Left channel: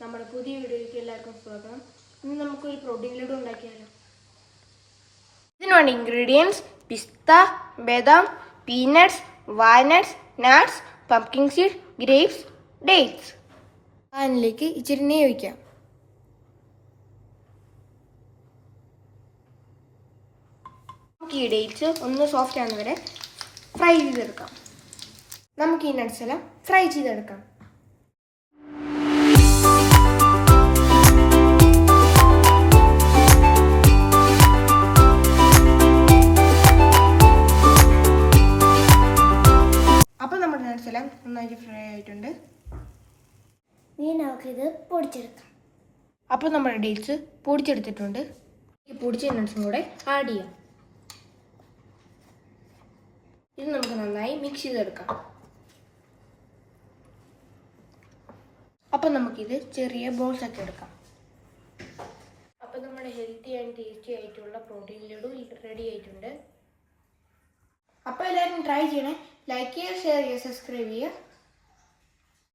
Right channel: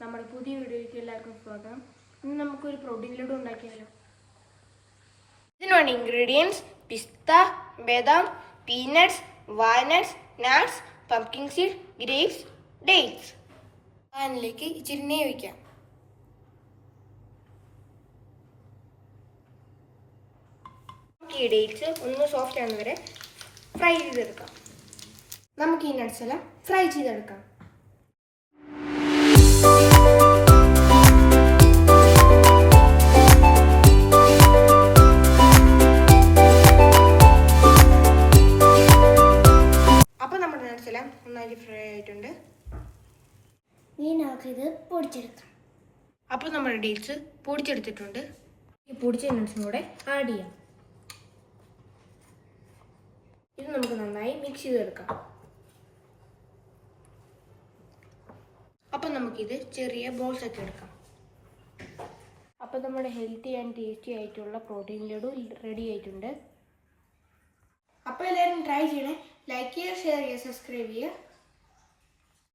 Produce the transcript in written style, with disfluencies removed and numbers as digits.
നമ്മുടെ പുതിയ വീഡിയോയ്ക്ക് എല്ലാവർക്കും സ്വാഗതം. ഇന്ന് നമുക്കൊരു പ്രോട്ടീൻ ലഡു ഉണ്ടാക്കിയാലോ. ഇതിനുള്ള ഇൻഗ്രീഡിയൻസ്: പിസ്ത, ബദാം, peanuts, walnuts, nuts, pumpkin seed, grapes, dates. പാനിലേക്ക് ഇച്ചിരി നെയ്യ് ഒഴിക്കാം. നമുക്ക് ഈ ഡേറ്റ്സ് ഒന്ന് സോഫ്റ്റ് ആകുന്ന വരെ ഫ്രൈ ചെയ്തെടുക്കാം. നമുക്ക് ഈ നട്ട്സ് എല്ലാം ഫ്രൈ ചെയ്തെടുക്കാം. അപ്പോൾ നമ്മുടെ നട്ട്സ് എല്ലാം നന്നായിട്ട് ഫ്രൈ ആയിട്ടുണ്ട്. ഇനി നമുക്കിത് പൊടിച്ചെടുക്കാം. അപ്പോൾ നമ്മുടെ ഡേറ്റ്സ് പൊടിച്ചെടുത്തിട്ടുണ്ട്. ഈ പൊടിച്ച നട്ട്സും കൂടെ ആഡ് ചെയ്യാം. ഇത് നമുക്ക് നന്നായി മിക്സ് ചെയ്തെടുക്കാം. അപ്പോൾ നമുക്കിത് ചെറിയ ബോൾസ് ഒക്കെ എടുക്കാം. അപ്പോൾ നമ്മുടെ ഹെൽത്തി ആൻഡ് ടേസ്റ്റി ആയിട്ടുള്ള പ്രോട്ടീൻ ലഡു റെഡി ആയിട്ടുണ്ട്. അപ്പോൾ എല്ലാവരും ട്രൈ ചെയ്യണേ. ലൈക്ക് ചെയ്യുക, ഷെയർ ചെയ്യുക, സബ്സ്ക്രൈബ് ചെയ്യുക.